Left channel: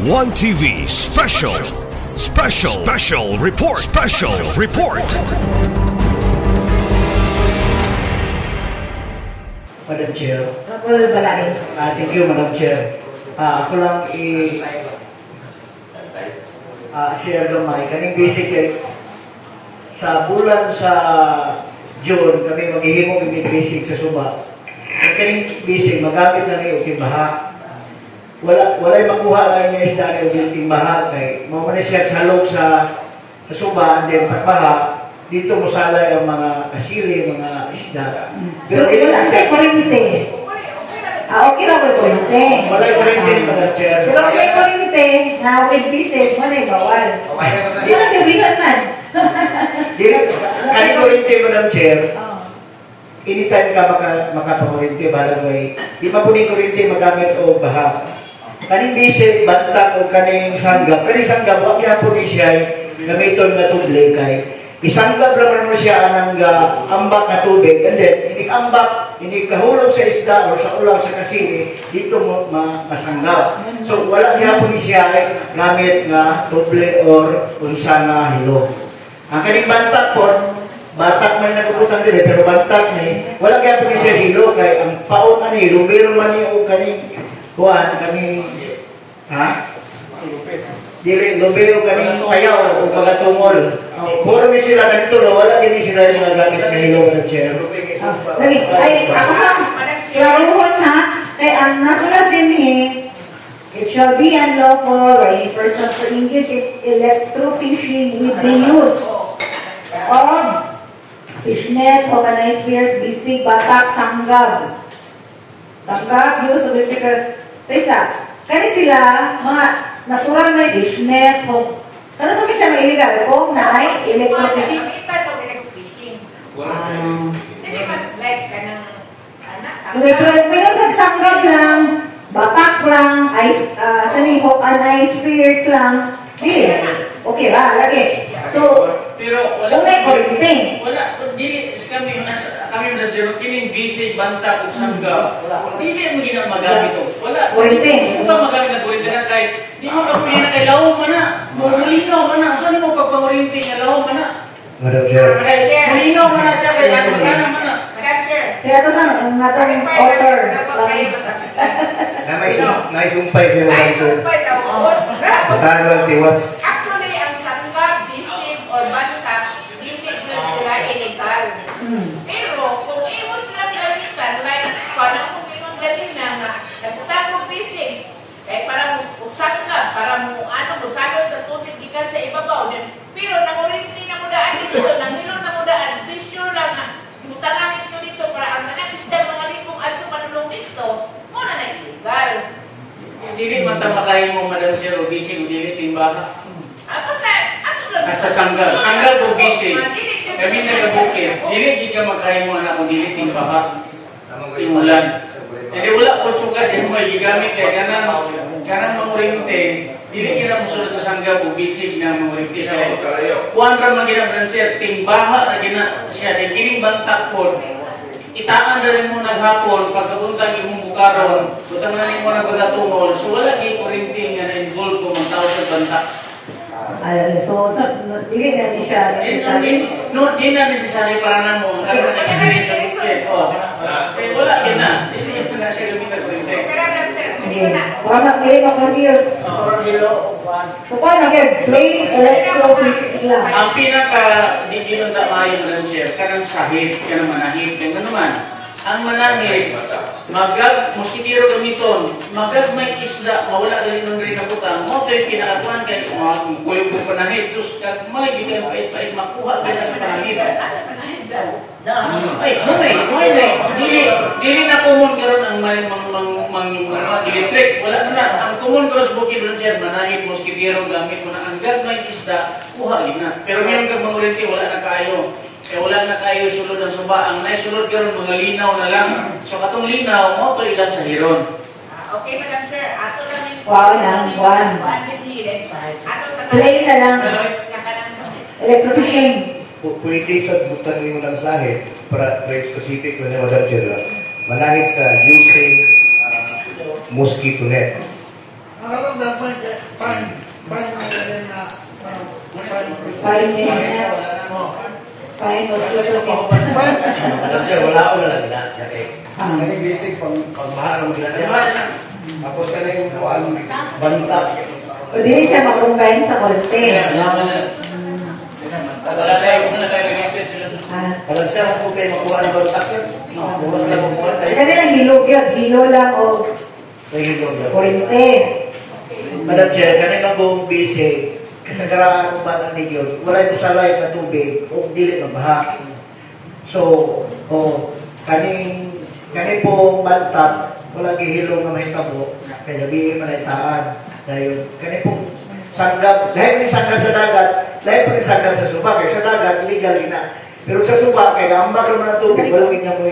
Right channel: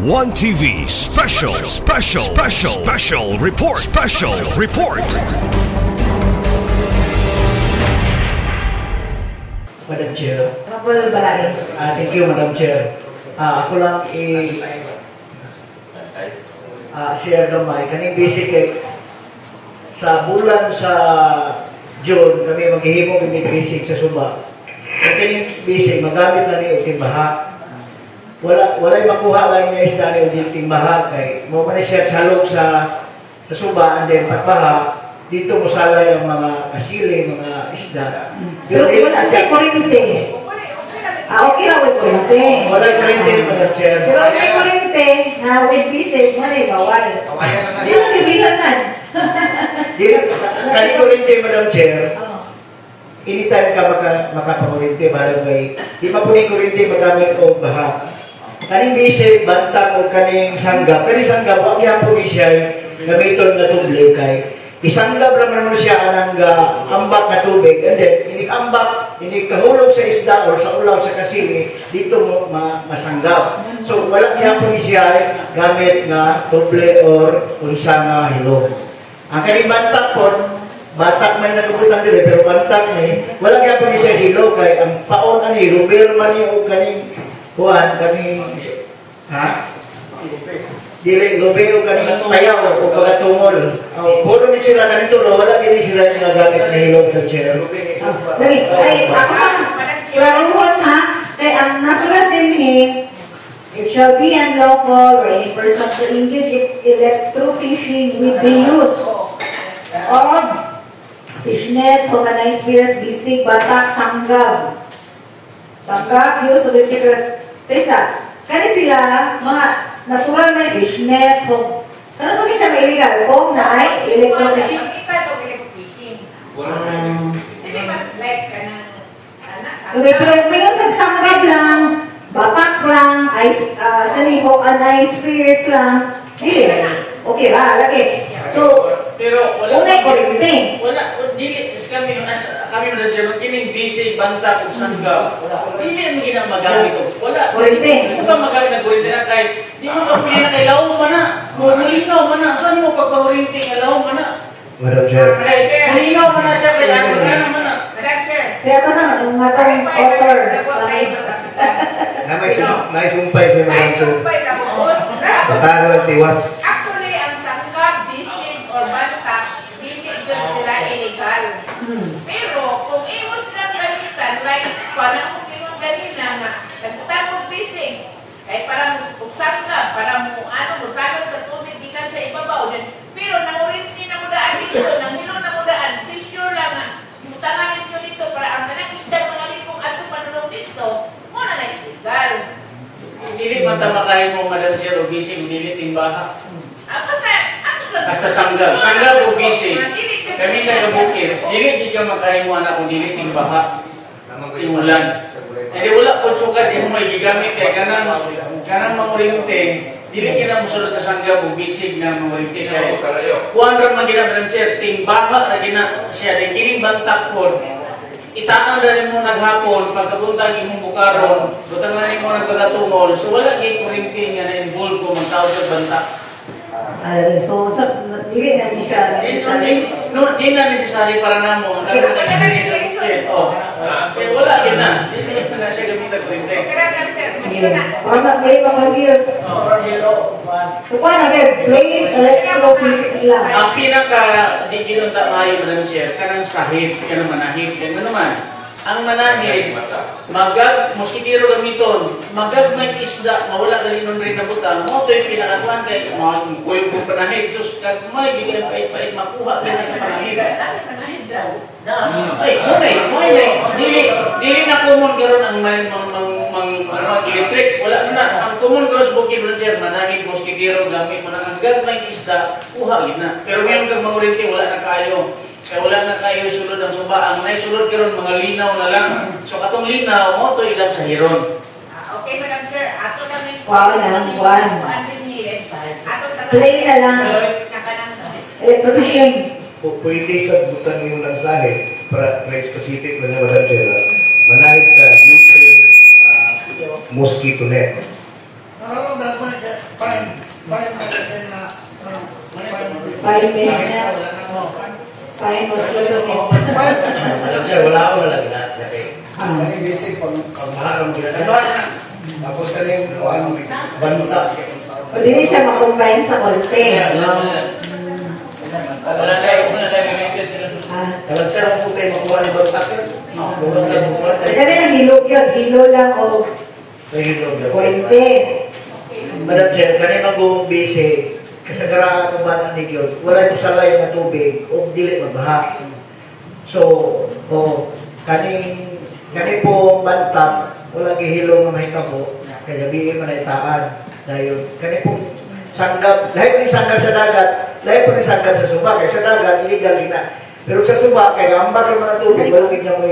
One TV special report. Madam Chair. Thank you, Madam Chair. Ako lang share gamay. Kaning basic sa bulan sa June, kami maghihimong yung basic sa Suba. At kaning basic, magamit na niyo yung baha. Wala'y makuha lang niya isda niyo yung baha. Kaya mo man siya salog sa Suba, and then pagbaha, dito mo salay ang mga kasili, mga isda. Pero wala siya kurente. Okay lang may kurente. Wala kurente, Madam Chair. Pero may kurente, na with bisig, wala yung bawal. Hindi lang nabihan man. Kani kurente, Madam Chair, anytime ka makapakurente, balang may, di pa po ni kurente magamit o baha. Kaning bisig, bantang o kaning sanggap. Kaning sanggap, wag yan po ni siya, gamiton na tuble kay isanggap naman mo siya anang ambak na tubig, and then hindi kahulog sa isda o sa ulaw sa kasini, dito mo masanggap. So wala niya po siya gamit na tuble or unsa nga hilo. Ang kaning bantak po, batak man nagubutang dili, pero bantak ni wala niya po siya hilo kay ang paon na hilo, pero man yung kaning kuan kami dili lubero kaning payaw o pagatungol. Puro ni sila ganito, wala kini sila yung mga gamit na hilo ng chair. Ay, ako klaruhan ha, kaya ang nasulat din it shall be unlawful for any person to engage in electrofishing with the use of fishnet, organized spears, bisig, batak, sanggab. Sanggab, use of electrical. Tesa, kani sila, mga natural may fishnet, kano sa kita may illegal? Kung na ay electrofishing. Hindi ba like ka ng anak? Mayroon kang sanggab lang, batak lang, ice spirits lang. Okay ba? Lagi. So, pero wala kung may kurente. Wala, dili kami na dyan, kining busy, banta, kung sangga. Dili mo ginang magamit o. Wala. Kurente. Kung ka magamit ng kurente na kahit, di mo kapili na kay lawang ka na. Malinaw ka na. Saan mo pagpamurinti ka lawang ka na? Madam Chair. Malinaw ka na siya kay lawang ka naman na. Kaya ito sa mga tayong offer. May sumpay siya Madam Chair. Basahan lang tiwas. Actually, ang sanggab, bisig, or banta, hindi yun sila illegal. Pero, kung iwas lang gamitan, like, parang kung inong ganina na, nagpunta kong bisig, kahit parang sanggab, parang salot sa tubig, ikan sa ibabaw. Pero, nangurinti na mo daan dito, nanghilong na mo daan, sure lang na, imutanganin nyo dito, para ang tanak isda, mga lipong ato panulong dito, muna na illegal. Dili matamakain mo, Madam Chair, o busy, dili timbaha. Basta sanggal. Sanggal o busy. Kami sa kabukit, dili di ka makain mo anak kung dili timbaha. Timulan. Hindi wala po sukat, yung may gigamit kaya kanang mamurinte, dili ka na musulot sa sanggal o busy na mamurinte. Kuwan ram na gina, Madam Chair, timbaha na gina siya, din kining bantak po, itaan na rin mo naghapon, pagkabuntang imong bukaron, butang na rin mo nagpagatungol, so wala kayo kurinting nga na-involve ko magtawag sa banta. So, dili natin siya necessary. Di na necessary para na mo. Kaya wala yan na. Hindi na siya gamit ang kurinting. Wala kayo mag-hear. So, paano kayo? Plain electrofishing lang. Ang pinaka di ginunta mayo ng chair, kanang sahid, kanang manahid, ganda naman. Ang manahid, moskitiro gamiton, may isda, mawala ka rin rin na butang, mo ito yung pinakatuan kahit kuyo kong panahid, sus, may hindi ka pait-pait makuha ka na sa panahid. Ay, dili na common karon ang electric, wala na. Ang common karon sa bukid ng chair, manahid, moskitiro, gamit mo na, ang may isda, kuha gina. Pero ngayon kag mangurinti, wala na kayo. Kaya wala na tayo sulod ang suba. Ang naisulod karon mga linaw na lang. So katong linaw, mo ito ilan sa hiron. Okay, Madam Chair. Ato namin. One. Plain na lang. Electrofishing. Pwede sa butang mo ng sahid para specific na niya, Madam Chair. Manahid sa using mosquito net. Fine, mosquito net. Madam Chair, wala ako na lang na siya eh. Kani basic pagmahal ang ginasya. Tapos kani yung banta. O dili siya makumbine sa kolte. Wala na yung una na related. Madam Chair, ang kung kayo makuha ng banta yun. Bukas na makuha tayo. Kaya na hilog yun. Hilo lang o kolte. Madam Chair, kani mag-umbisi, kasagaraan ng banang nigyod, wala yung salay na tubig o dili magbaha. So, kani po bantap, wala gihilo na mahitabo, kaya labihin manaitaan. Dahil kani po sanggap, lahat ni sanggap sa dagat, lahat po ni sanggap sa suba, kaya sa dagat, illegal na. Pero sa suba, kaya ambak naman ang tubig, balungin na mo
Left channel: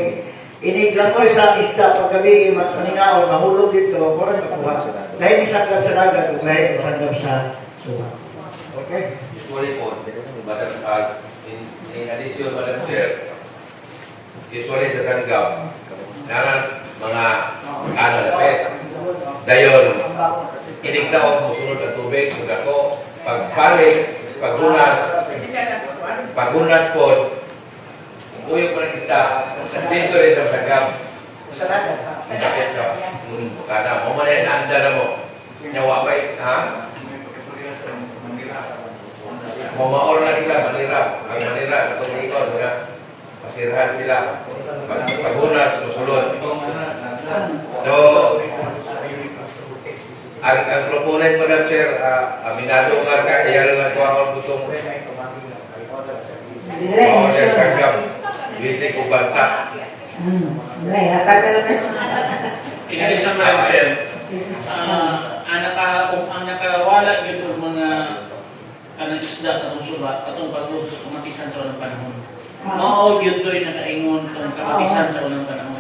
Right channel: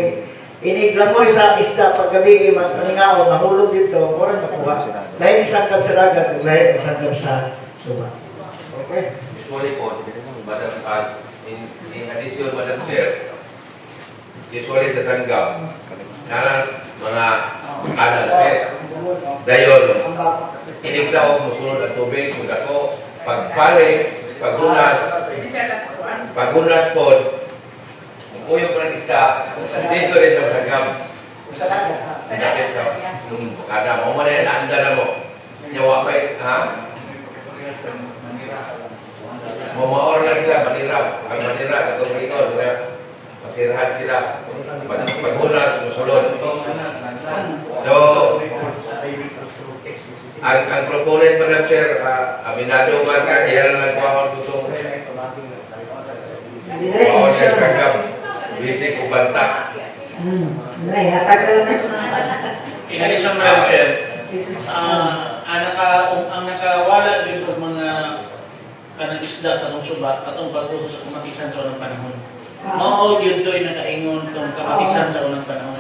iniglamoy sa isda paggabi, mas maningaon, mahulog dito, kurang nakuha. Lahat ni sanggap sa dagat, lahat ni sanggap sa suba. Okay? Usually po, in addition, Madam Chair, usually sa sanggap, nalang mga lapit. Dayon, inigdaog mo sunod ang tubig, magako, pagpaling, paghunas po, tuyok ng isda, dito rin sa sanggap. Ang sakit sa bukana. Mo man yan, naanda na mo. Nyawa pa ha? Mamaor na sila, manira. Ang manira, katong ikaw, masirahan sila. Paghunas, musulod. So, ang proponent, Madam Chair, aminado ba ka, kaya lang nagkuha ko gustong oo siya kagam, bisik o banta. Hatag ka lang In addition, Madam Chair, ang nakawala din po mga kanang isda sa mong suba, katong pag-usos sa kumatisan sa unang panahon. Mao gyud toy nakaingon tong kapatisan sa unang panahon.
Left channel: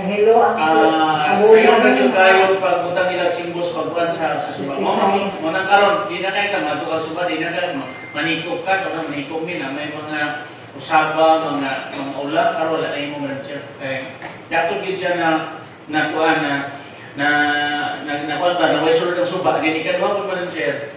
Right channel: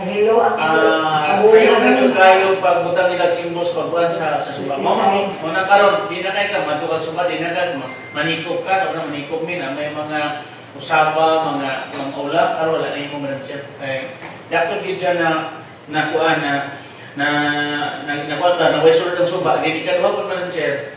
Hilo ang sayo na yung kayo pagbutang nila simbos pagbuan sa suba. Mo na karon di na kay ka madukag suba, di na ka manikop ka sa manikop min may mga usaba, mga ulam karon wala na imo man siya. Dato gyud siya na nakuan na kwanta na western ang suba, di ka duha pud man siya.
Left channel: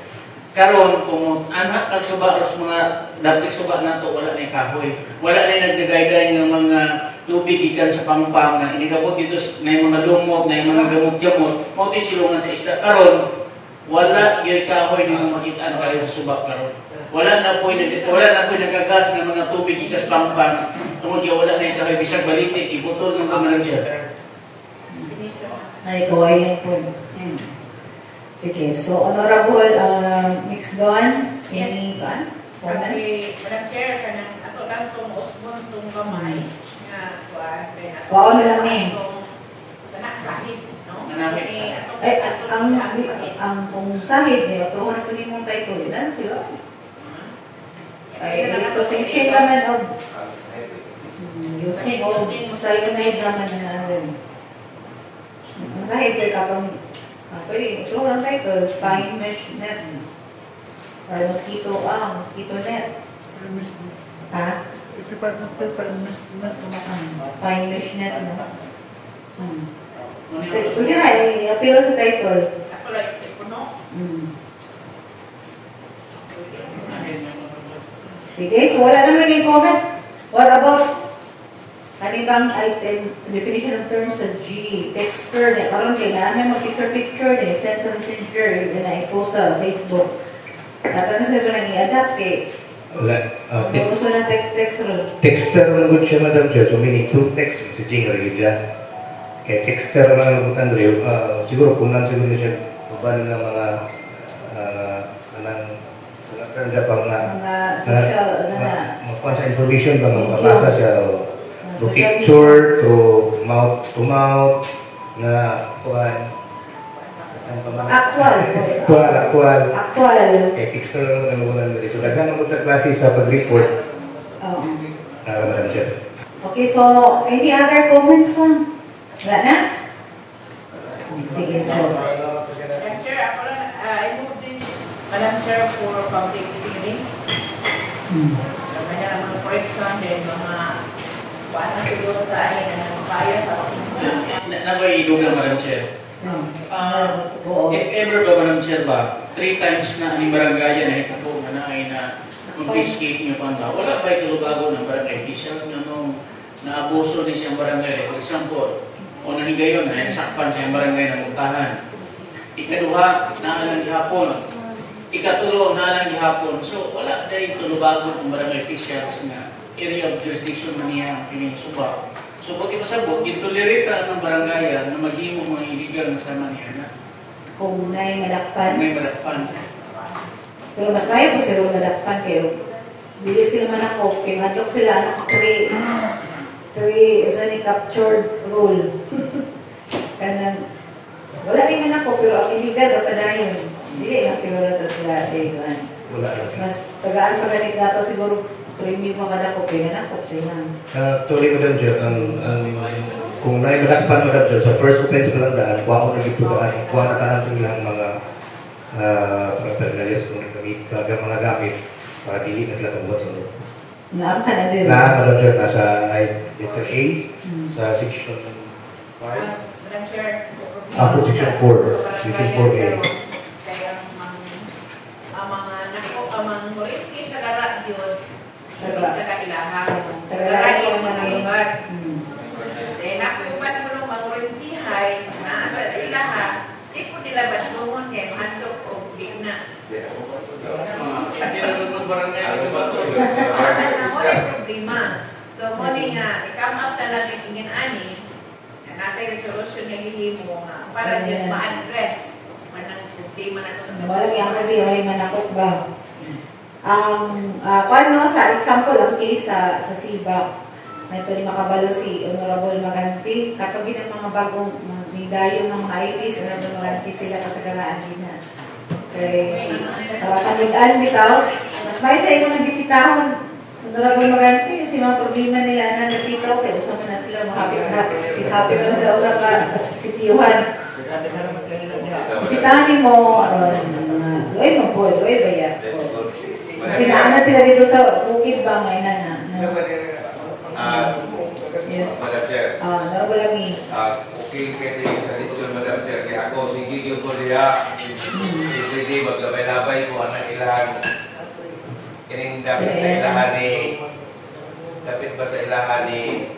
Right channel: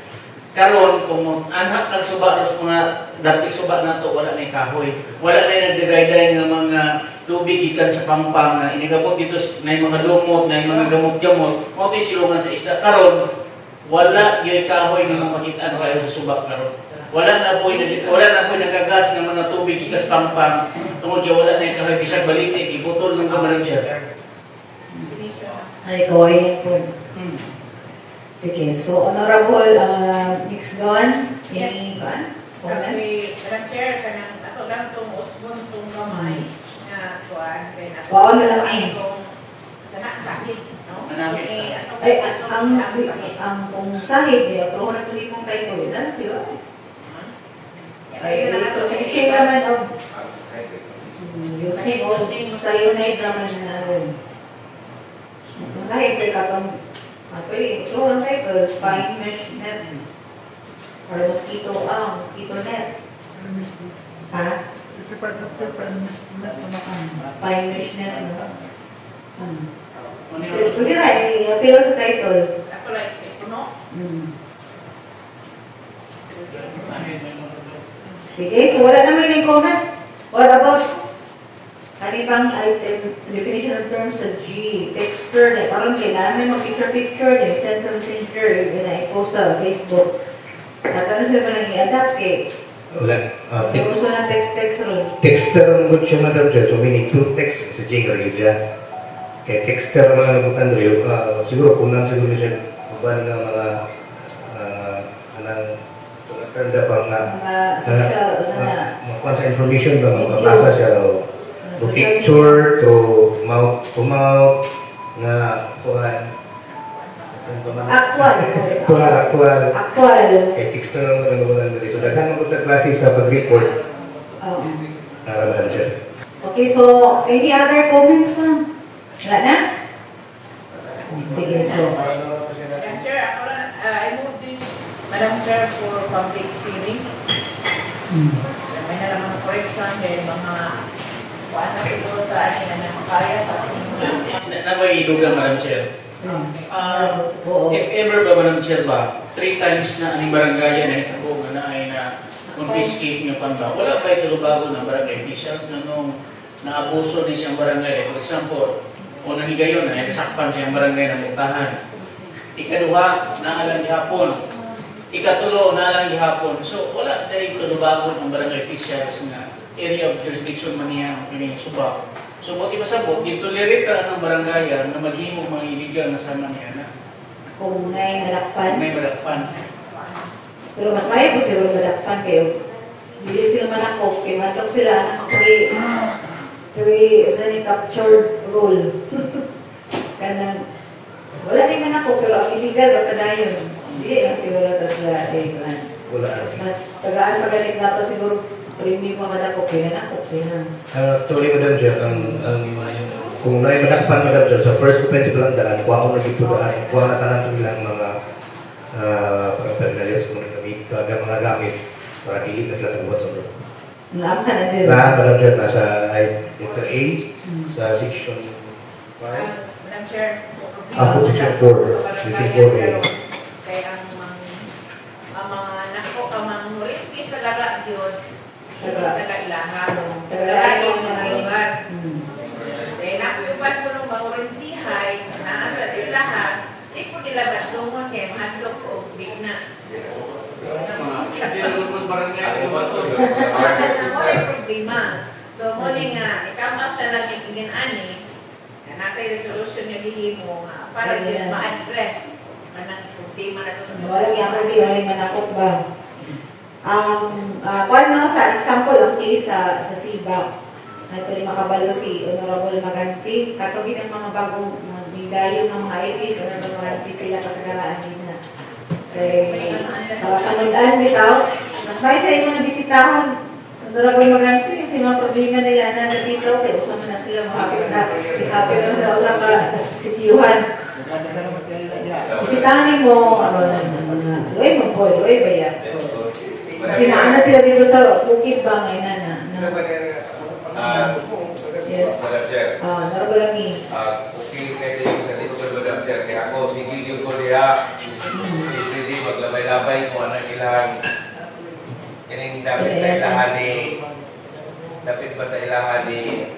Karon kung anak kag suba ros mga dati suba nato wala na kahoy, wala na nagdagayday nga mga tubig gikan sa pampang na inigabot dito na mga lumot, na mga gamot-gamot, mo ti silungan sa isda. Karon wala gyud kahoy ni makit-an kayo sa suba karon. Wala na po nagagas nga mga tubig gikas pampang tungod kay wala na kahoy bisag balitik iputol ng kamalan siya. Ay, kawain po. Sige, so Honorable Nix Gawan, any ba? Madam Chair, kanang ato lang itong usmon itong kamay na kuwan. Oo na lang eh. Kanak sakit, no? Ay, ang kung sahid, ito na kunin mong title, yan sila. Ay, ito si Shea naman of using cyanide naman na masahid kay katong ito lang title, fine mesh net. Or mosquito net. Ha? Fine mesh net. Sige na, i-appeal sa title. Ako like, no? Sige, so wala naman yung comment. What about kanibang item, definition of terms sa G, texture, parang kailangan mag-picture, sense of messenger, yun na i-post sa Facebook. At ano sabi pa nang i-adapt kay gusto na text ron. Texter ang good siya, Madam Chair. So, meaning two text sa Jing rin dyan. Kaya texter ang mga nagutan rin. Siguro, kunan siguro siya kubanin ng mga kanda pang makuha sa information ba, makapasa siya to picture, to mouth na kuhan. Actual. Okay, texter lang ang nagutan rin. So, daghan ang klase sa pag-report. Madam Chair. Okay, so any other comments pa? Wala na? Sige, so. Madam Chair, ako lang, I move this, Madam Chair, for public hearing. May na naman correction dahil mga kuhaan na siguro tayo na kaya sa ating Nabay idugang, Madam Chair. if ever ba Madam Chair ba, 3 times na ang barangayan na ito po na ay na confiscate nyo pang ba, wala ba ito bago ng barangay officials na nung naabuso din siyang barangay. For example, o nahigayon na nasakpan siyang barangay ng Muntahan. Ikaduha, naalang gihapon. Ikatulo, naalang gihapon. So, wala dahil tulubagon ang barangay officials na area of jurisdiction na niya ang subak. So, buti pa sabot, gintolerita ng barangayan na maghimog mga illegal na sama niya na Kung may malakpan. may malakpan. Pero mas kaya po sila malakpan kayo. Hindi sila manakop. Kaya matok sila anak 3 isa ni captured rule. Kanang wala rin manakop pero ang illegal ba pa yun? Hindi nga siguro ito sila. Wala. Mas tagaan pa ganit nato siguro premium mga manakop. Kaya manakop sila. Tuloy Madam Chair, kung may manakpan Madam Chair, sa first offense ko lang daan, kuha ko nagitugaan, kuha na tanang ilang mga paraphernalia kung mga gamit para dili na sila sa buhat sunod. Naam ka na din. Madam Chair, nasa letter A, sa section 5. Madam Chair, Ako, section 4, section 4A. kaya ang mga nako, ang mga murinti sa garat yun, sa kailahan. Tagalahan yung mga lugar. Dahil nakupan mo ng mga murintihay, na ang kailahan, di po nila basungon niya, handok o bigna. Hindi na lumos barangay. Ako ay problema. So, muli nga, i-come up na lang itingin ani, na natay resolution nga gihimo nga, para yun ma-address manang problema na to sa Walang yung hindi, walang manakot ba? Paano sa example, ang case sa Sibak, ito ni makabalo si Honorable Maganti, katugin ng mga bagong dayo ng mga IPs, Honorable Maganti sila kasagalaan din na. Kanudaan bitaw, mas may sa inyo ng bisitahon, Honorable Maganti, kasi mga problema nila na nagpitaw, kaya usap na sila, happy na sila usap na sitiyuhan. Bisitahin mo, uy maboy, uy baya. Sinaanan sila dito sa bukid ba, may nana. Yes. Madam Chair. Honorable Lami. Okay kayo din sa decision, Madam Chair. Kaya ako, sige yung ko diya. Hindi maglabay-labay kung ano ilang kining dapat sa ilahan ni dapat ba sa ilahan ni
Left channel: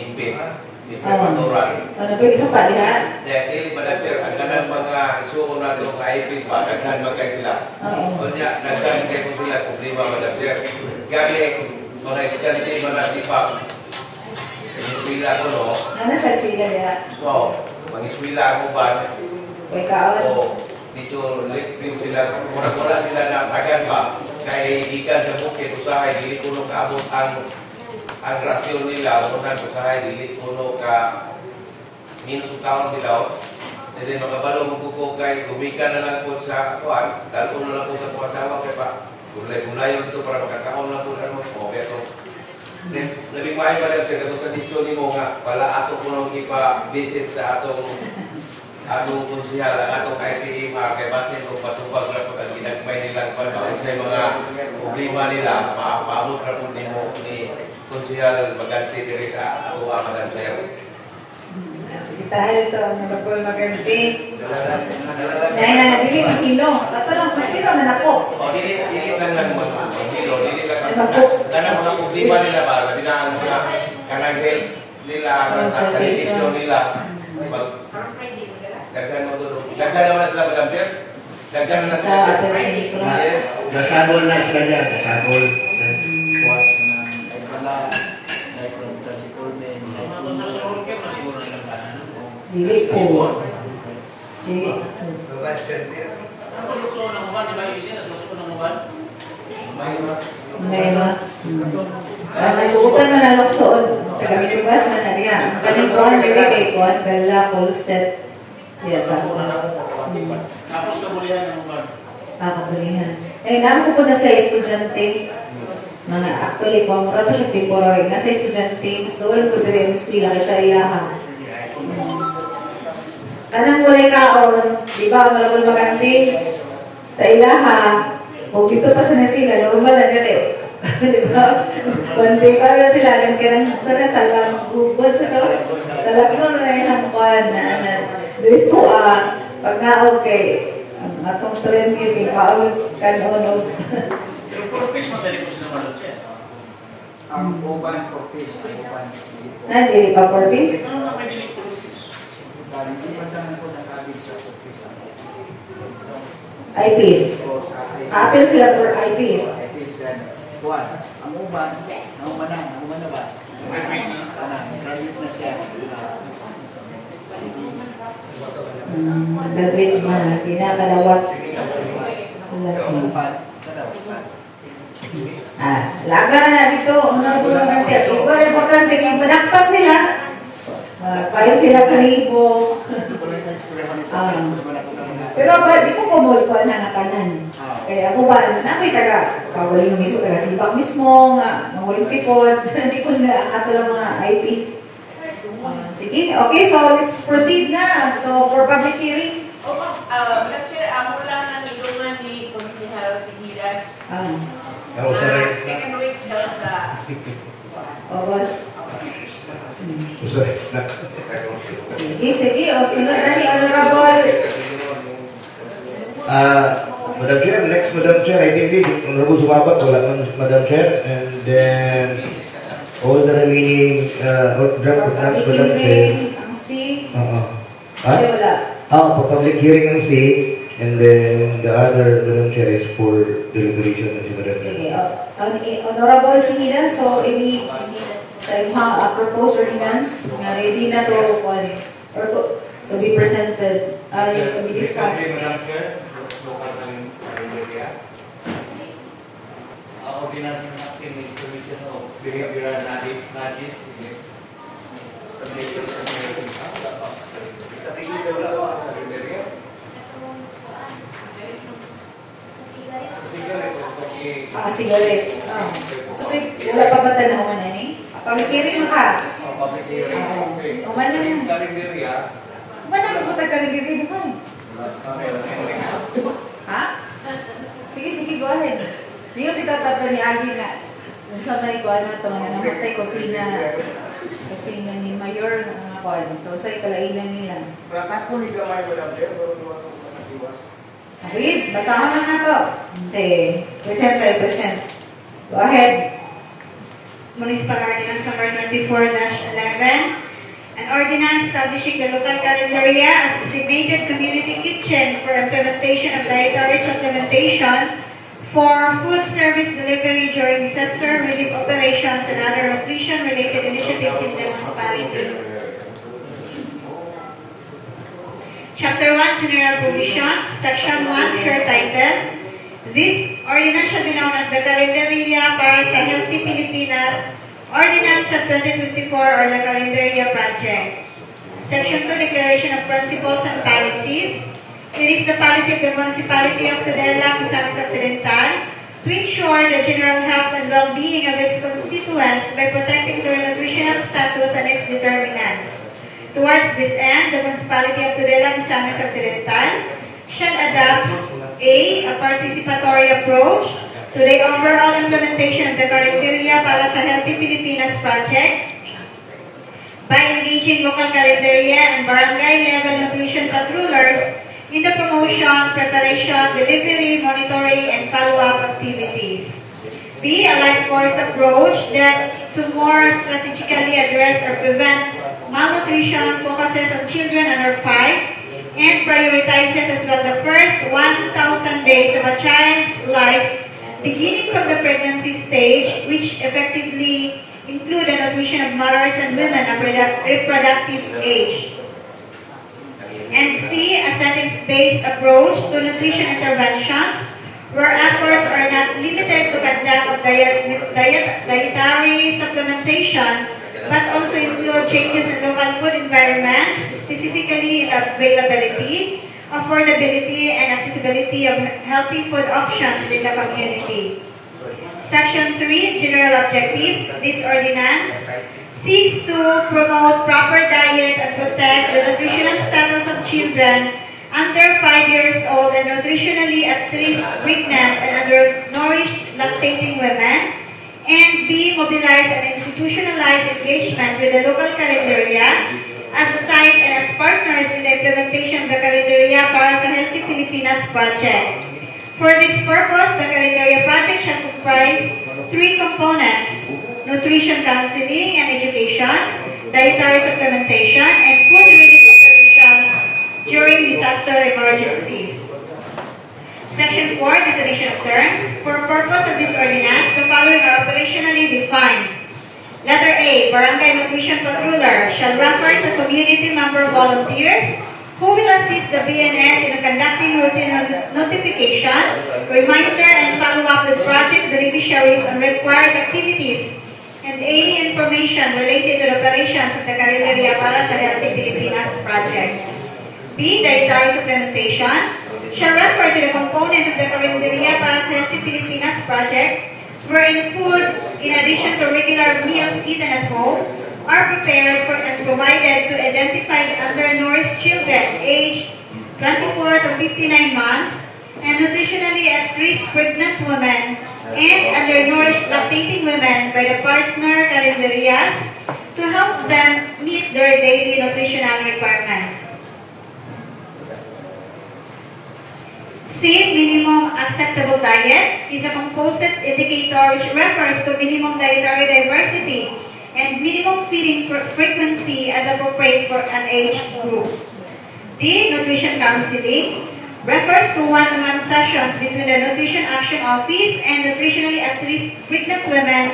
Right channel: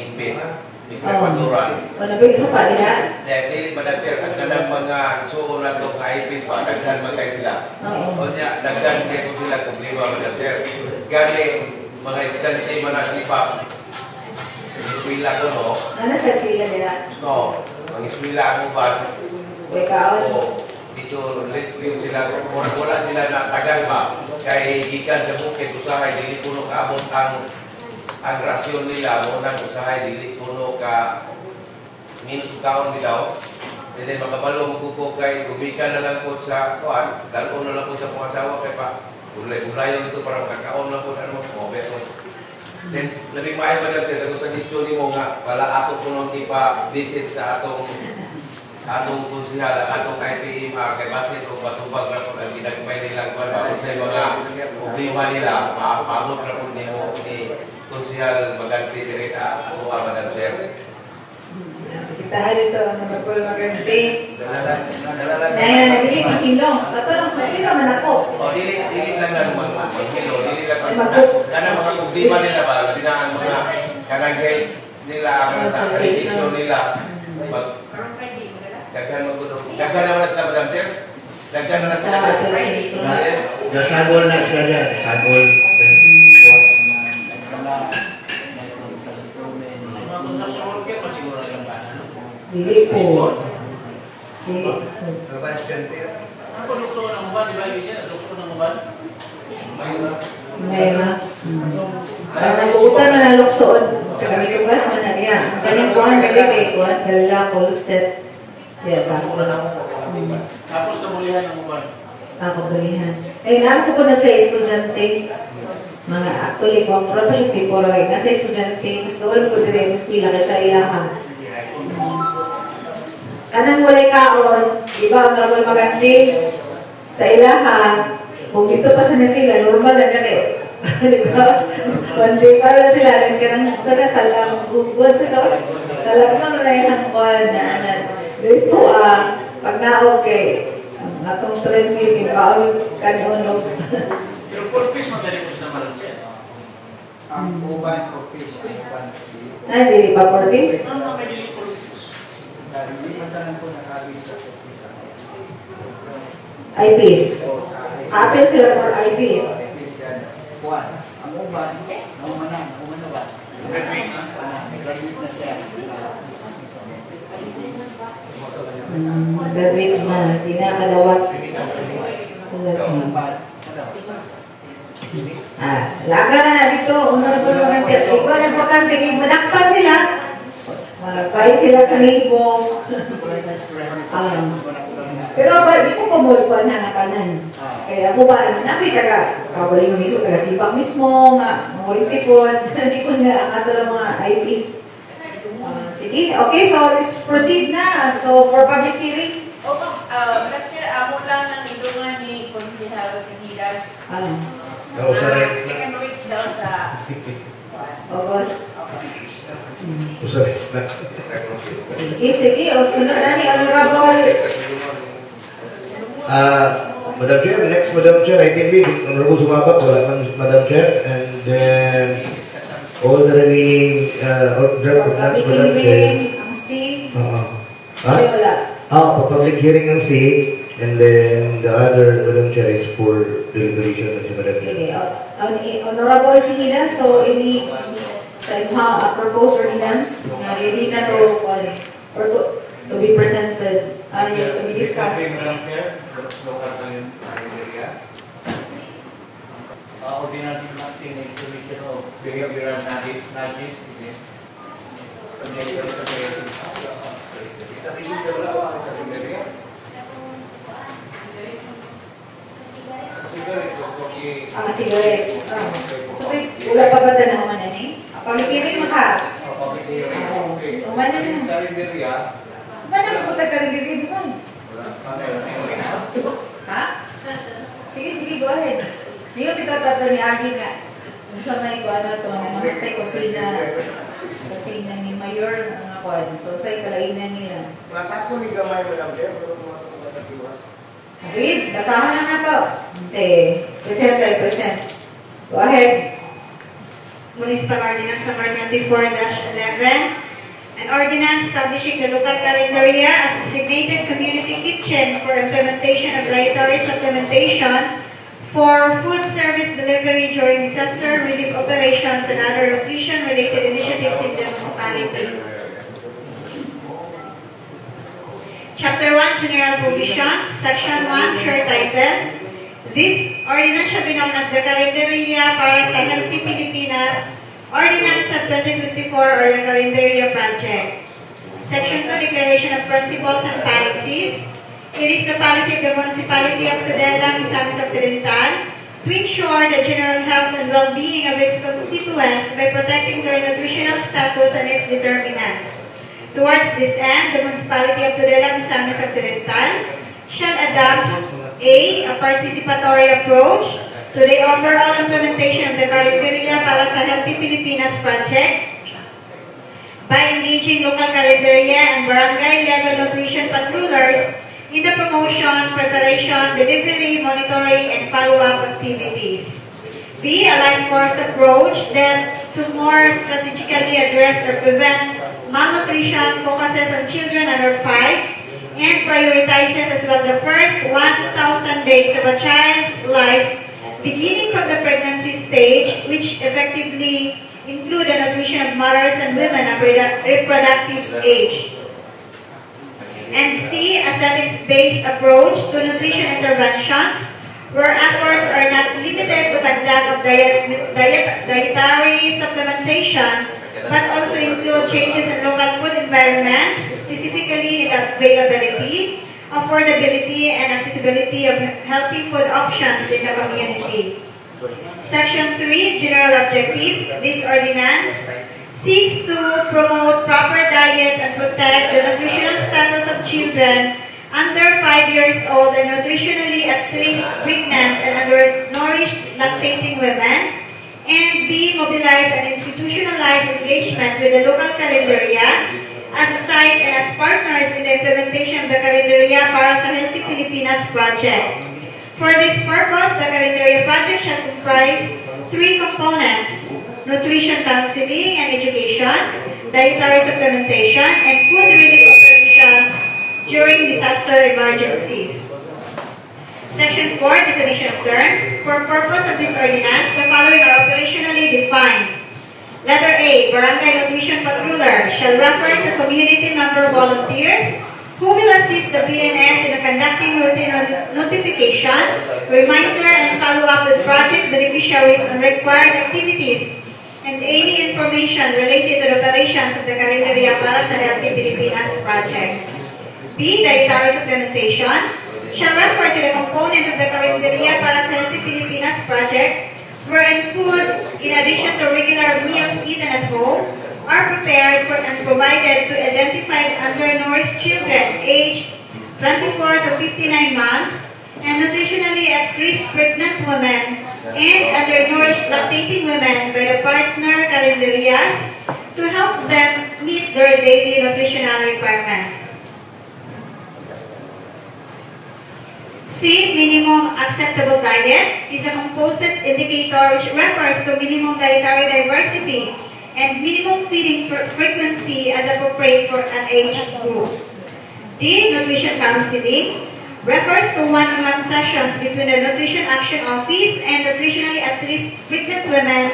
Inbit, Mr. Paturan. Nabigay sa palihan. Dahil, Madam Chair, ang kanang mga suon na itong IPs pa, naghan magkay sila. O niya, naghan kayo ko sila problema, Madam Chair. Gani, mga estudyante manasipa. Iswila ko, no? Ano sa eskwela niya? So, mag-iswila ako ba? Uy, kaon. O, dito, let's film sila. Mura-mura sila na tagan ba? Kay ikan sa bukid, usahay, dili puno ka abot ang rasyon nila. Muna usahay, dili puno ka minus kaon nila. And then, magkabalo magkuko kay gumikan na lang po sa kuwan. Lalo na lang po sa pumasawa kay pa. Gulay-gulayon dito para magkakaon lang po na mo. Then, labing maayo ka rin sa disyo ni mo nga, pala ato po nung ipa-visit sa atong konsihal, atong IPM, kay basin kung patubag na po ang ginagmay nilang panahon sa mga problema nila, maapamot na po ni konsihal Maganti diri sa ato Madam Chair. Bisitahan ito ang Honorable Maganti. Dahil na dili makilo. Kato lang makilo man ako. O, dili lang lang magkilo, dili lang kanang mga problema nila ba, labi na ang mga kanang health nila, kanang sa sanitation nila. Daghan magulong. Daghan naman na sila, Madam Chair. Daghan na sila. Yes. Nasagol na sila yan. Nasagol. Dili po. Dili. Ako lukso ng uban, di ba yung isa? Lukso ng uban? May ma. Nagpuutan man ang luksoon. Tagasugas man na niya. Kaming kuhan, kay kuhan, kala, polstet. Yes, ako. Tapos kabulihan ng uban. Ako berihan. Namin ko na sa estudyante. Mga actually, kung mura pa siya temporary. Nasa estudyante, doon ko din yung spila kay sa iyahan. Kanang walay kaon, di ba, Honorable Maganti, sa ilaha, kung dito pa sa nasila, normal na nari. Di ba? One day pa rin sila, nagkarang sa kasal, ang Google sa kawan. Talagang na yung hangkuan na, gusto Pag naog kay, natong trend yun, yung kaawag kanunod. Pero purpose mo ganito sa naman siya. Ang uban purpose. Hindi pa purpose? Ano may dili purpose? Hindi pa saan ko nakabit sa purpose. Eyepiece. Apple sila for eyepiece. Buwan. Ang uban, naumana ba? Graduate na. Nag-graduate na siya. Graduate na, pinakalawat. Laga na dito, unang tulong natin. Ito ang importante, manakpan sila. Kahit sila kanibo. Pero ba, di ko kumulikuan na nakanan. Kaya ako ba, namin taga, kawali yung mismo, taga sibak mismo, nga, mahuling tipon. Hindi ko na ato lang mga eyepiece. Sige, okay, so let's proceed na. So, for public hearing. Lecture, amo lang ng ilungan ni Konsihal Sinilas. Ako sa rin. Second week daw sa August. Usa rin. Sige. O, sunod na ni Honorable. Madam Chair, next Madam Chair, I think Honorable Sumabat, wala man Madam Chair, and then all the remaining draft plans, Madam Chair. Ang C. Wala. Public hearing ang C, and then the other, Madam Chair, is for deliberation of the Madam Chair. Sige. Honorable Sinilas, so ini a proposed ordinance na ready na to or to be presented, to be discussed. Madam Chair, local area. Ordinance natin may solution of behavioral nudges. Cigarette. So, wala pa ba tayo naman na ni? Pamikirin mo ka? Uman na mo. Uman na mo po tayo kaligiri mo eh. Ha? Sige, go ahead. Ngayon pitatata ni Agi na sa may ko ano ito, namatay kusina ni Mayor ang ako. So, sa ikalainan nila. Rata ko ni gamay mo lang siya, pero mga kumatiwas. Sige, basahan na to. Okay. Present. Go ahead. Municipal Ordinance Number 94-11, an ordinance establishing the local calendaria as designated community kitchen for implementation of dietary supplementation for food service delivery during disaster relief operations and other nutrition-related initiatives in the municipality. Chapter 1, General Provisions, Section 1, Short Title. This ordinance shall be known as the Calendaria para sa Healthy Pilipinas Ordinance of 2024 or the Calendaria Project. Section 2, Declaration of Principles and Policies. It is the policy of the Municipality of Tudela, Misamis Occidental, to ensure the general health and well-being of its constituents by protecting their nutritional status and its determinants. Towards this end, the Municipality of Tudela, Misamis Occidental shall adopt A participatory approach to the overall implementation of the Calendaria para sa Healthy Pilipinas project by engaging local calendaria and barangay-level nutrition patrollers in the promotion, preparation, delivery, monitoring, and follow-up activities. B, a life force approach that to more strategically address or prevent malnutrition focuses on children under 5 and prioritizes as well the first 1,000 days of a child's life beginning from the pregnancy stage, which effectively include the nutrition of mothers and women of reproductive age. And C, a settings-based approach to nutrition interventions where efforts are not limited to conduct of dietary supplementation but also include changes in local food environments, specifically the availability, affordability, and accessibility of healthy food options in the community. Section 3, General Objectives. This ordinance seeks to promote proper diet and protect the nutritional status of children under 5 years old and nutritionally at least pregnant and undernourished lactating women, and B, mobilize and institutionalize engagement with the local calendaria as a site and as partners in the implementation of the Carinderia para sa Healthy Pilipinas project. For this purpose, the Carinderia project shall comprise 3 components: nutrition counseling and education, dietary supplementation, and food relief operations during disaster emergencies. Section 4, definition of terms. For purpose of this ordinance, the following are operationally defined. Letter A, Barangay Nutrition Patruller shall refer to community member volunteers who will assist the BNS in conducting routine notification, reminder, and follow-up with project beneficiaries on required activities and any information related to the operations of the Carinderia para sa Healthy Pilipinas project. B, dietary supplementation shall refer to the component of the Carinderia para sa Healthy Pilipinas project wherein food, in addition to regular meals eaten at home, are prepared for and provided to identified undernourished children aged 24 to 59 months and nutritionally at-risk pregnant women and undernourished lactating women by the partner Carinderias to help them meet their daily nutritional requirements. C, minimum acceptable diet is a composite indicator which refers to minimum dietary diversity and minimum feeding frequency as appropriate for an age group. D, nutrition counseling refers to one-on-one sessions between the Nutrition Action Office and nutritionally at-risk pregnant women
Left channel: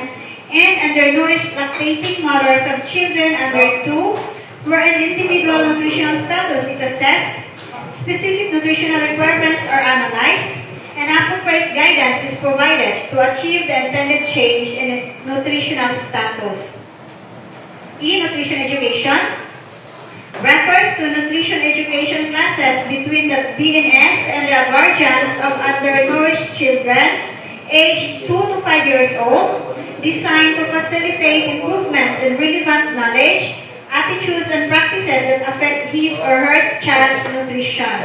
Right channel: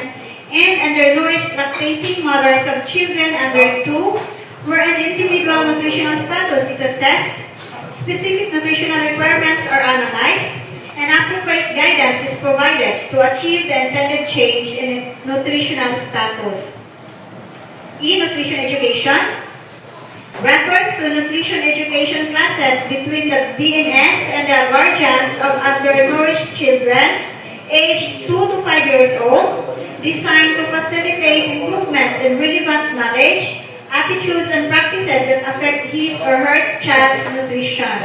and undernourished lactating mothers of children under 2, where an individual nutritional status is assessed, specific nutritional requirements are analyzed, and appropriate guidance is provided to achieve the intended change in nutritional status. E, nutrition education refers to nutrition education classes between the BNS and the guardians of undernourished children aged 2 to 5 years old, designed to facilitate improvement in relevant knowledge, attitudes, and practices that affect his or her child's nutrition.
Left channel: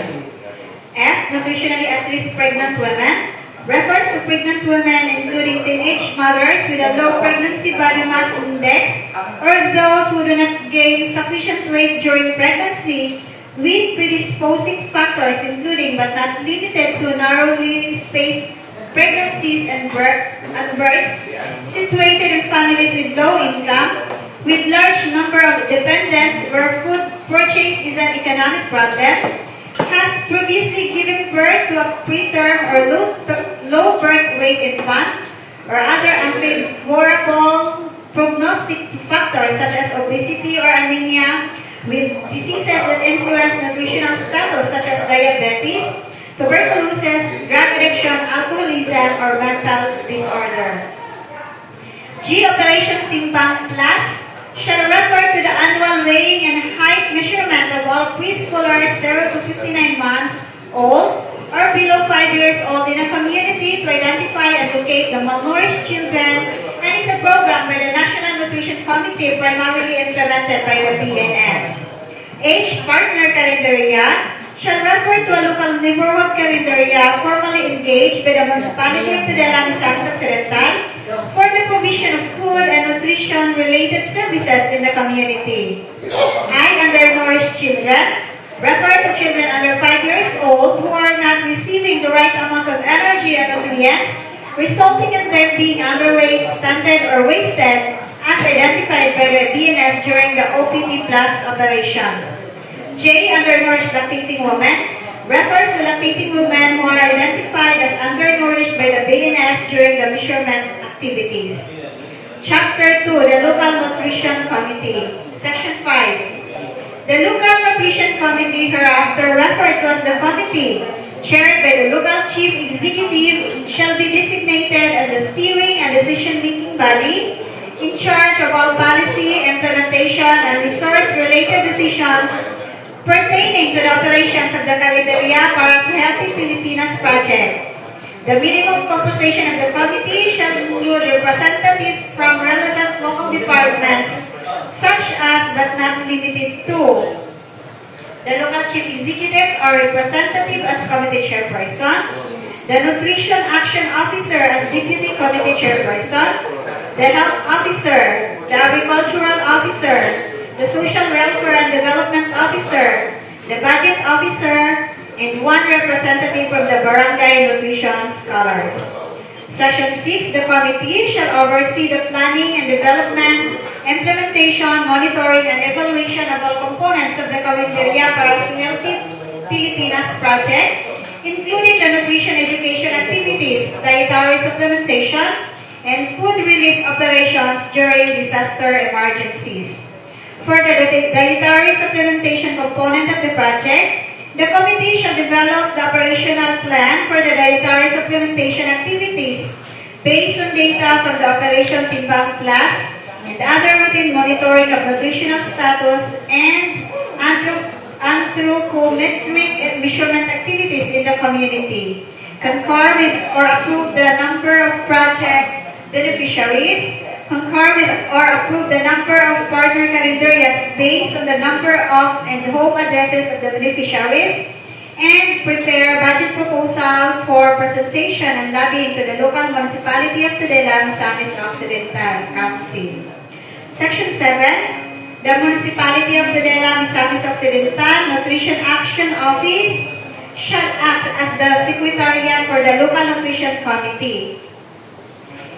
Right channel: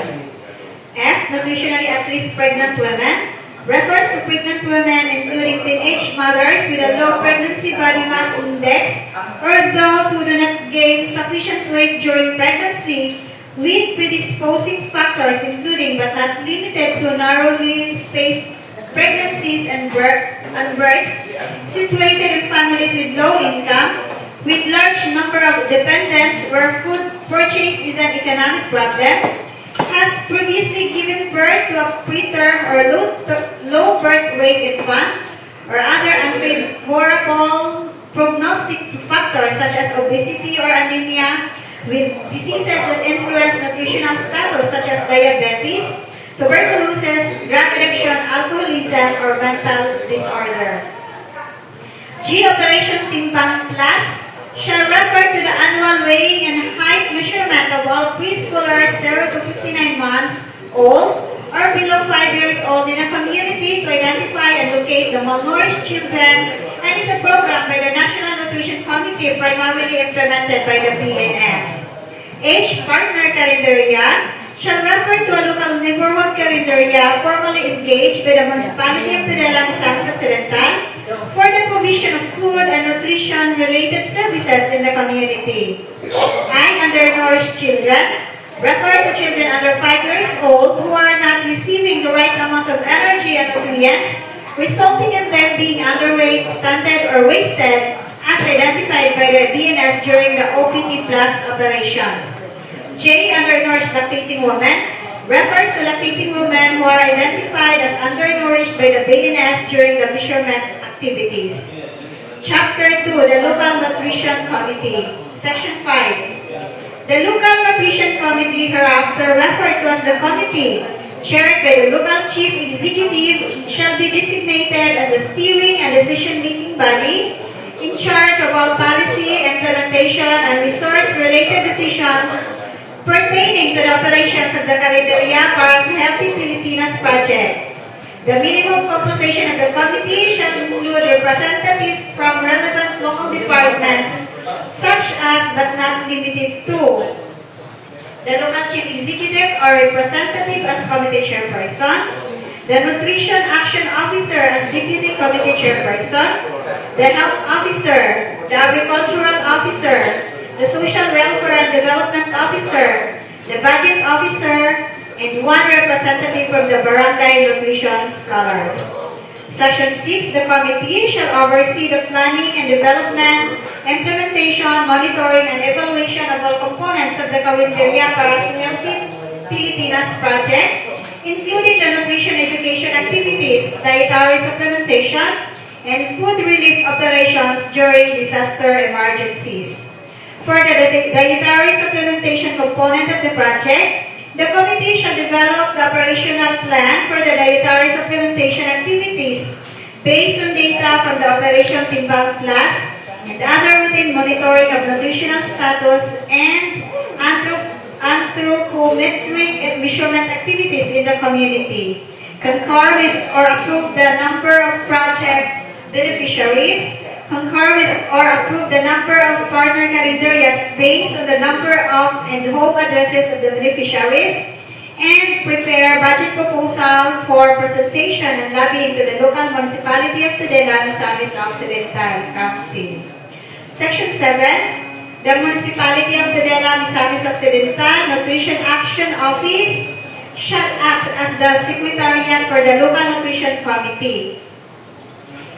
F, nutritionally at-risk pregnant women refers to pregnant women including teenage mothers with a low pregnancy body mass index or those who do not gain sufficient weight during pregnancy with predisposing factors including but not limited to narrowly spaced pregnancies and births, situated in families with low income, with large number of dependents where food purchase is an economic problem, has previously given birth to a preterm or low birth weight infant, or other unfavorable prognostic factors such as obesity or anemia, with diseases that influence nutritional status such as diabetes, tuberculosis, drug addiction, alcoholism, or mental disorder. G, Operation Timbang Plus shall refer to the annual weighing and height measurement of all preschoolers 0 to 59 months old or below 5 years old in a community to identify and locate the malnourished children, and is a program by the National Nutrition Committee primarily implemented by the BNS. H, Partner Carinderia shall refer to a local neighborhood carinderia formally engaged by the municipality of Tudalan, Misamis Occidental for the provision of food and nutrition-related services in the community. I, undernourished children, refer to children under 5 years old who are not receiving the right amount of energy and nutrients, resulting in them being underweight, stunted, or wasted, as identified by the BNS during the OPT Plus operations. J, undernourished lactating women, refers to lactating women who are identified as undernourished by the BNS during the measurement activities. Chapter 2, the Local Nutrition Committee. Section 5. The Local Nutrition Committee, hereafter referred to as the committee, chaired by the local chief executive, shall be designated as a steering and decision-making body in charge of all policy, implementation, and resource-related decisions pertaining to the operations of the Carinderia para sa Healthy Pilipinas project. The minimum composition of the committee shall include representatives from relevant local departments, such as but not limited to the local chief executive or representative as committee chairperson, the nutrition action officer as deputy committee chairperson, the health officer, the agricultural officer, the Social Welfare and Development Officer, the Budget Officer, and one representative from the Barangay Nutrition Scholars. Section 6, the committee shall oversee the planning and development, implementation, monitoring, and evaluation of all components of the Carinderia para sa Healthy Pilipinas project, including the nutrition education activities, dietary supplementation, and food relief operations during disaster emergencies. For the dietary supplementation component of the project, the committee shall develop the operational plan for the dietary supplementation activities based on data from the Operation Timbang Plus and other routine monitoring of nutritional status and anthropometric and measurement activities in the community. Concur with or approve the number of project beneficiaries. Concur with or approve the number of partner calendarias based on the number of and home addresses of the beneficiaries, and prepare budget proposal for presentation and lobbying to the local municipality of Tudela, Misamis Occidental Council. Section 7. The municipality of Tudela, Misamis Occidental Nutrition Action Office shall act as the secretariat for the local nutrition committee.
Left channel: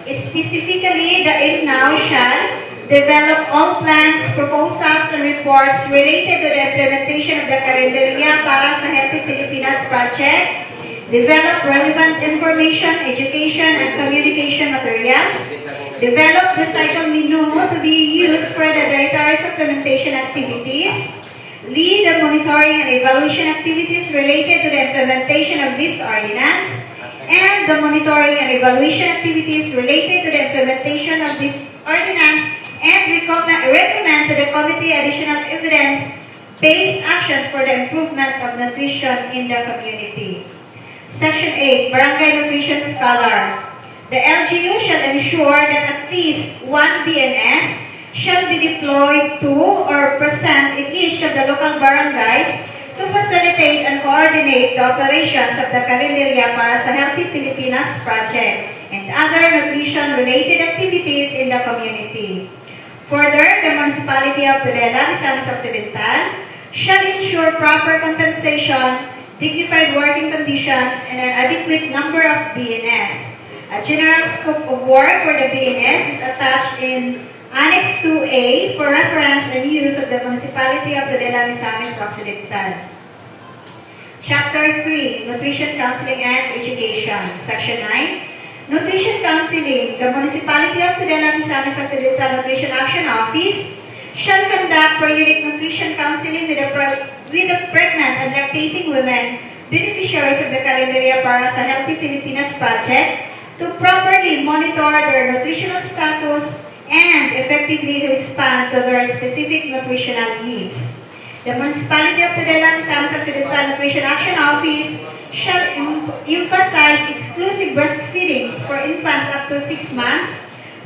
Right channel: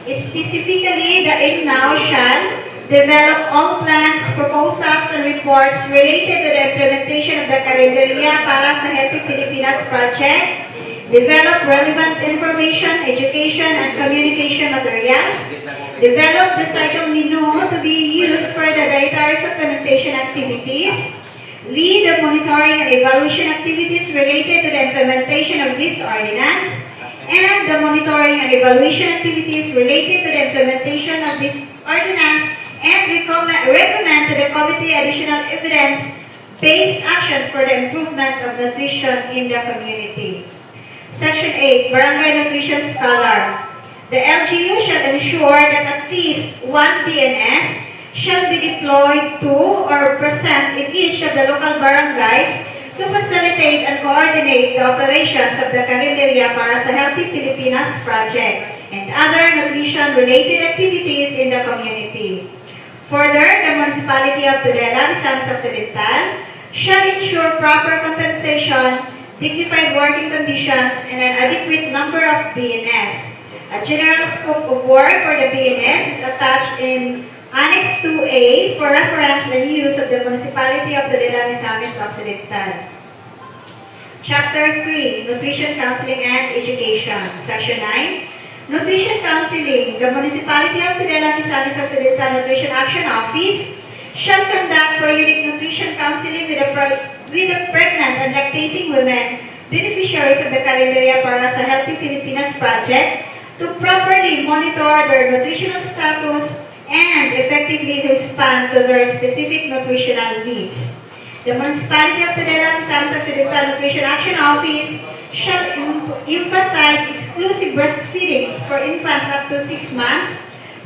Specifically, the INNOW shall develop all plans, proposals, and reports related to the implementation of the Carinderia para sa Healthy Pilipinas project, develop relevant information, education, and communication materials, develop the cycle menu to be used for the dietary supplementation activities, lead the monitoring and evaluation activities related to the implementation of this ordinance, and the monitoring and evaluation activities related to the implementation of this ordinance, and recommend to the committee additional evidence-based actions for the improvement of nutrition in the community. Section 8, Barangay Nutrition Scholar. The LGU shall ensure that at least one BNS shall be deployed to or present in each of the local barangays to facilitate and coordinate the operations of the Carinderia para sa Healthy Pilipinas project and other nutrition-related activities in the community. Further, the municipality of Tudela, Misamis Occidental, shall ensure proper compensation, dignified working conditions, and an adequate number of BNS. A general scope of work for the BNS is attached in Annex 2A for reference and use of the municipality of Tudela, Misamis Occidental. Chapter 3, Nutrition Counseling and Education. Section 9, Nutrition Counseling. The municipality of Tudela, Misamis Occidental Nutrition Action Office shall conduct periodic nutrition counseling with the pregnant and lactating women, beneficiaries of the Carinderia para sa Healthy Pilipinas project, to properly monitor their nutritional status and effectively respond to their specific nutritional needs. The municipality of Tudela, Misamis Occidental Nutrition Action Office shall emphasize exclusive breastfeeding for infants up to 6 months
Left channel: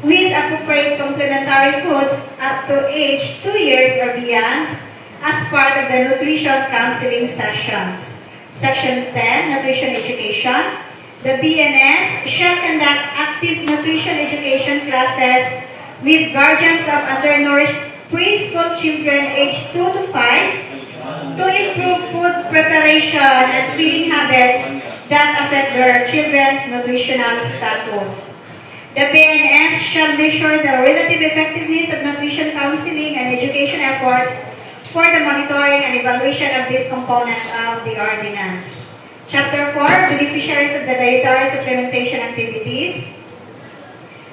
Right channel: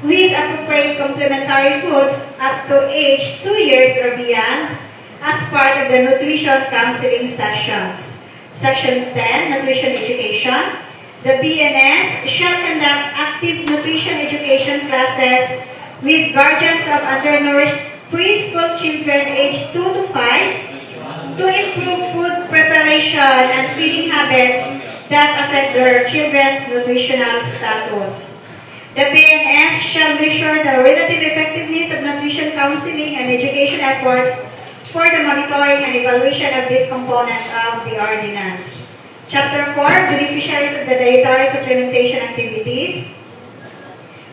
with appropriate complementary foods up to age 2 years or beyond as part of the nutrition counseling sessions. Section 10, Nutrition Education. The BNS shall conduct active nutrition education classes with guardians of undernourished preschool children aged 2 to 5 to improve food preparation and feeding habits that affect their children's nutritional status. The BNS shall measure the relative effectiveness of nutrition counseling and education efforts for the monitoring and evaluation of these components of the ordinance. Chapter 4, Beneficiaries of the Dietary Supplementation Activities.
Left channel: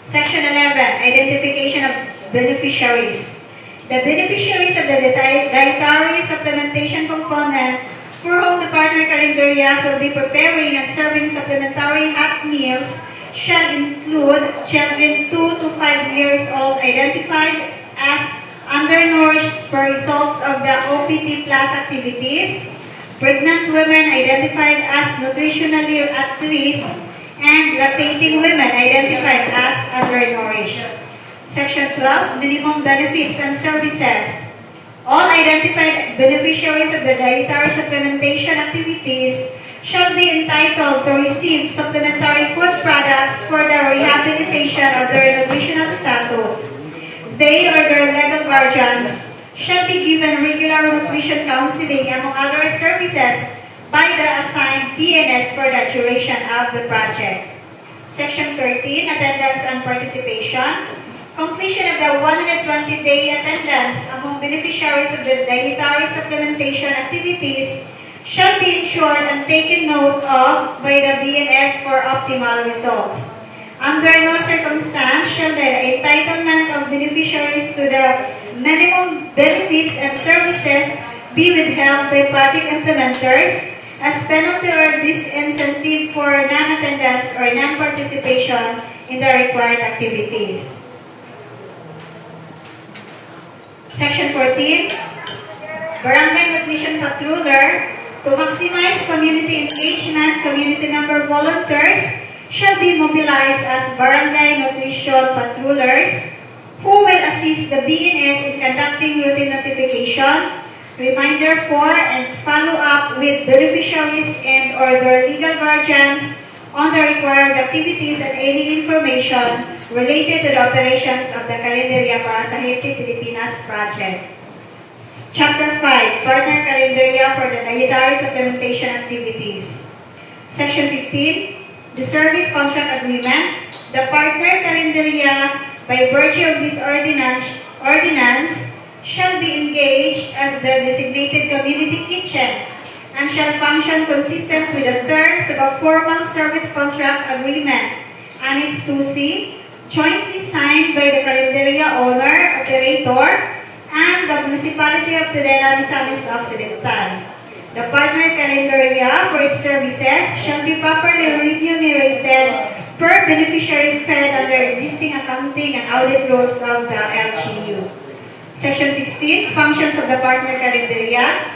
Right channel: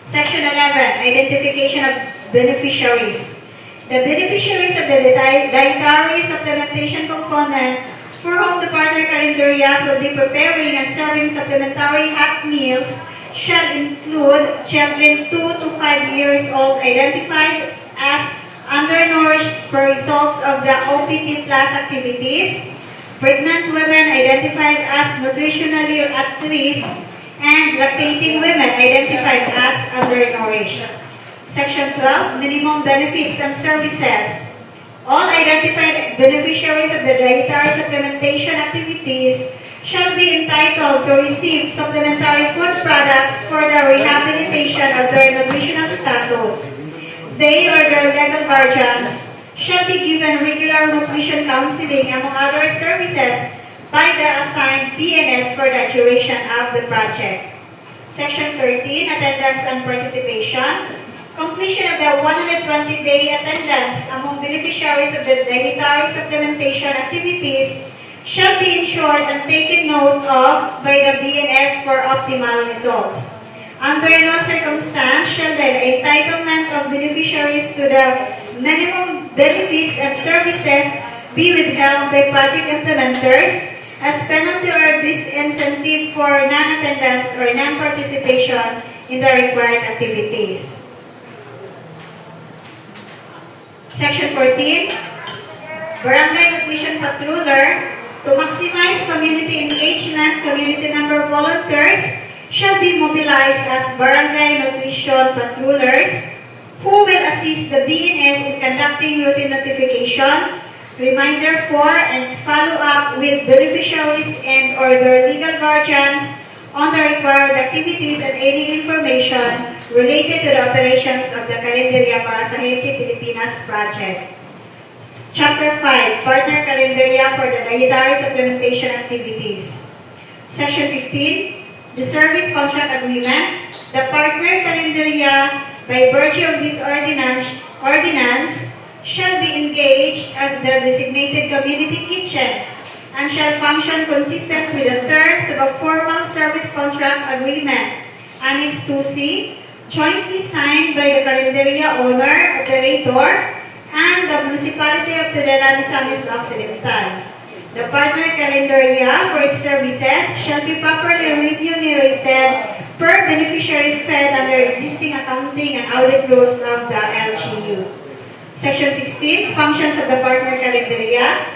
Section 11, Identification of Beneficiaries. The beneficiaries of the dietary supplementation component for whom the partner calendarias will be preparing and serving supplementary half meals shall include children 2 to 5 years old identified as undernourished per results of the OPT Plus activities, pregnant women identified as nutritionally at risk, and lactating women identified as undernourished. Section 12, Minimum Benefits and Services. All identified beneficiaries of the dietary supplementation activities shall be entitled to receive supplementary food products for the rehabilitation of their nutritional status. They or their legal guardians shall be given regular nutrition counseling among other services by the assigned DNS for the duration of the project. Section 13, attendance and participation. Completion of the 120-day attendance among beneficiaries of the dietary supplementation activities shall be ensured and taken note of by the DNS for optimal results. Under no circumstance shall the entitlement of beneficiaries to the minimum benefits and services be withheld by project implementers as penalty or disincentive for non-attendance or non-participation in the required activities. Section 14, Barangay Nutrition Patruller. To maximize community engagement, community member volunteers shall be mobilized as Barangay Nutrition Patrullers who will assist the BNS in conducting routine notification, reminder for, and follow-up with beneficiaries and or their legal guardians on the required activities and any information related to the operations of the Calendaria para sa Healthy Pilipinas project. Chapter 5, Partner Calendaria for the Dietary Supplementation Activities. Section 15, the Service Contract Agreement. The Partner Calendaria, by virtue of this ordinance shall be engaged as the designated community kitchen and shall function consistent with the terms of a formal service contract agreement, Annex 2C, jointly signed by the Calendaria owner, operator, and the Municipality of Tudela, Misamis Occidental. The Partner Calendaria for its services shall be properly remunerated per beneficiary fed under existing accounting and audit rules of the LGU. Section 16, Functions of the Partner Calendaria.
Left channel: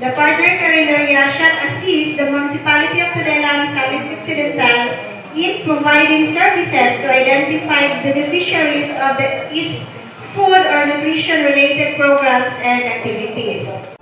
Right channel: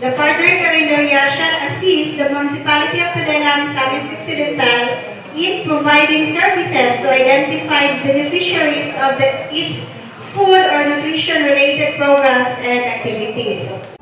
The Partner Calendaria shall assist the Municipality of Tudela, Misamis Occidental in providing services to identify beneficiaries of its food or nutrition-related programs and activities.